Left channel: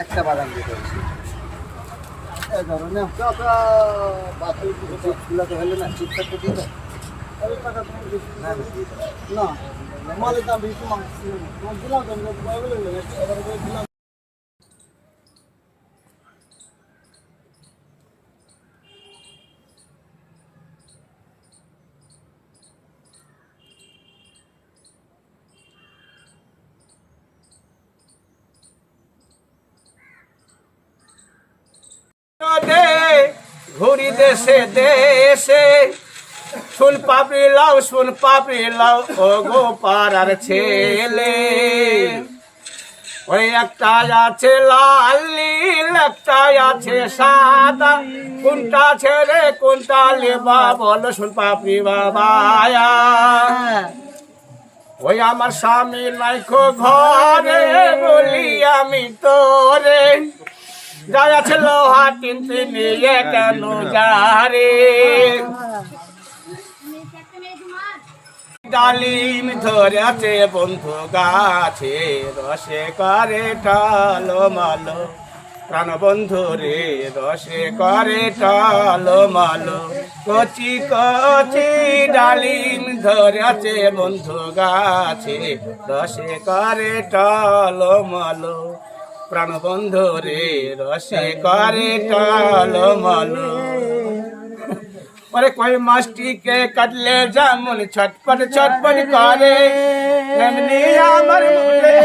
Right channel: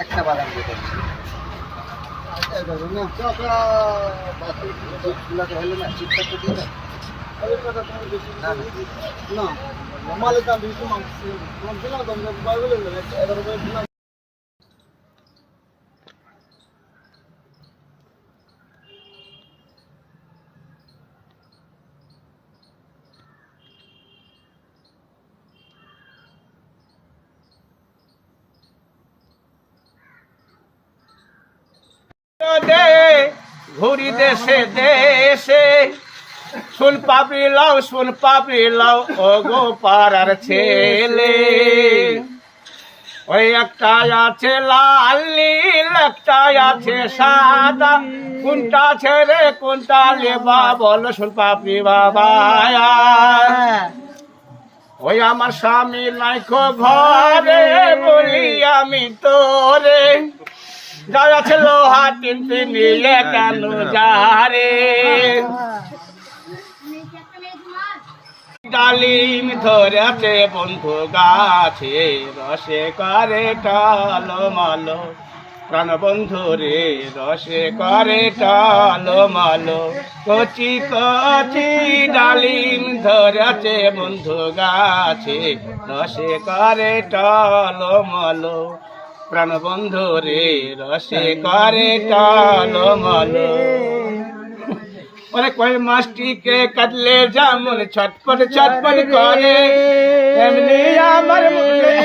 একটা বাদাম দিতে হলো না চিৎকার তো দিয়ে না মালের দাম বেশি দিলাম তো ঘুরি দেশে দেশে শুন পাপড়ি লাও ও গো পাড়ার ছেলে ওই একটা আছে লাল নীল একটা আছে সাদা কোনটা ছেড়ে কোনটা লেবা বল শুন পাপড়ি বাবা ওই আমার স্বামী নাইকো ঘরে বলি আমি তোরে যা আছে লোহা তিনটি নিয়ে কেন যারে ডালিম ধরেছে বন্ধু গাছে রসে করে টালো মালো প্রাণ বন্ধু রে রসে করে টালো মালো কচি কচি ডালিম ধরেছে বন্ধু গাছে রসে করে টালো মালো প্রাণ বন্ধু রে রসে করে টালো মালো ওরে কই মাছটিকে কাটলে যেমন ছটপট ছটপট করে এমনি আমার মনে